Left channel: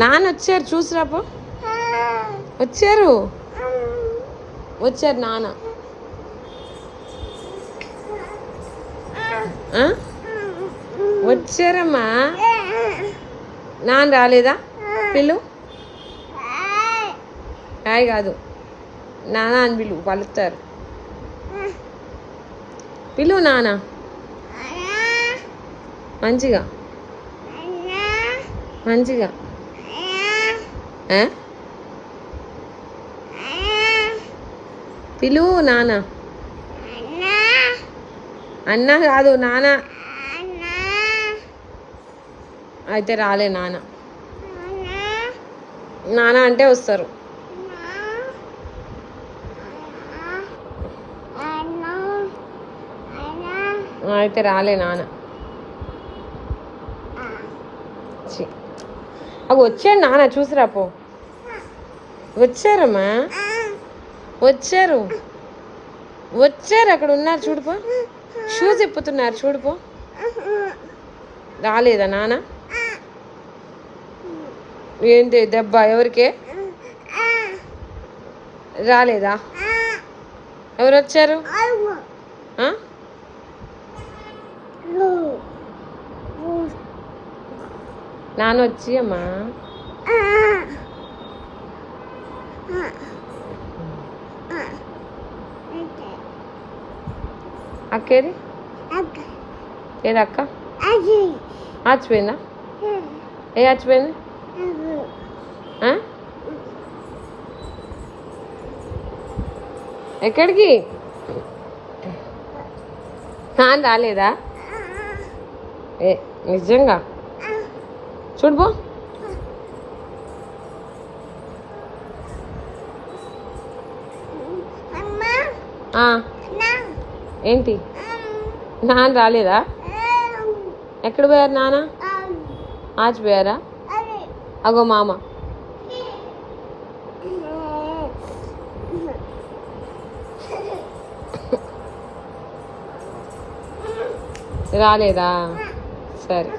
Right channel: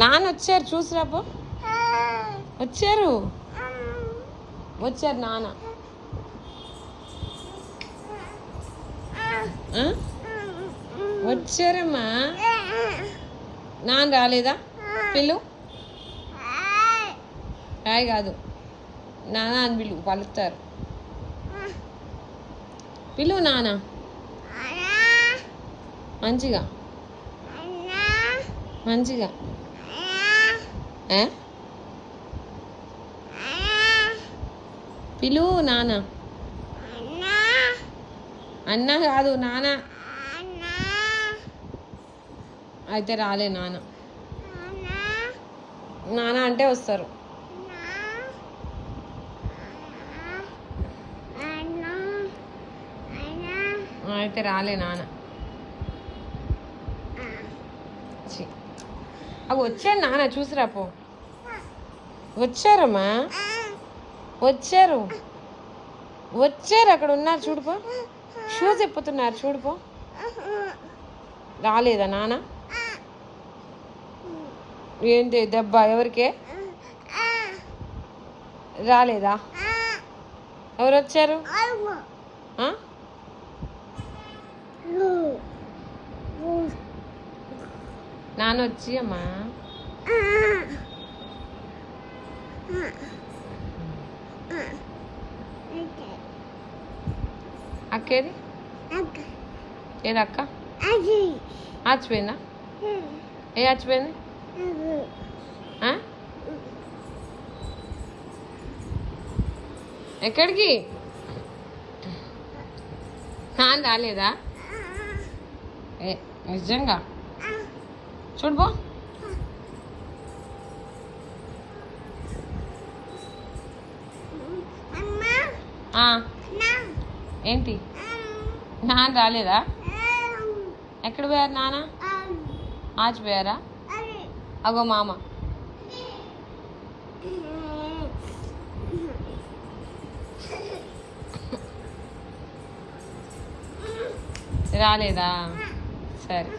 నాన్న వచ్చారు చూసిరాపో. వచ్చారు వచ్చారు నాన్న. వచ్చారమ్మా. నాన్న రాలేదా? పిల్లు హాయ్ కాదు నాన్న అని పిలు, పలుకుతారు. పిలువు నాన్న మంచిగా మంచిగా. పిలువు నాన్న. అన్న కాదు నాన్న. అయితే రాలే నాన్న. నాన్న అంటే వస్తారు. అయితే రాలే నాన్న. అవి వచ్చాడు నాన్న చూసిరాపో. వచ్చారమ్మా వచ్చారు వచ్చారు. అక్కడ ఉన్నారు చూడుపో. షూస్ ఇప్పుతున్నారు చూడుపో. రాలేదా నాన్న? ఏంటి దెబ్బ? ఎవరికే రాలేదా? ఎవరు వచ్చారు? నాన్న వచ్చి అమ్మా. అక్కేది ఏది అక్క? ఆచిపోయిందా? ఏ ఆచిపోయింది? ఎక్కడికి? నాన్న రాలేదా? ఏ నిజంగా చూడుపో. ఏంటి నాన్న రాలేదా? ఎక్కడ పోయారు నాన్న? ఆచిపోయారా? అగో మామ. రాలేదా? సరే.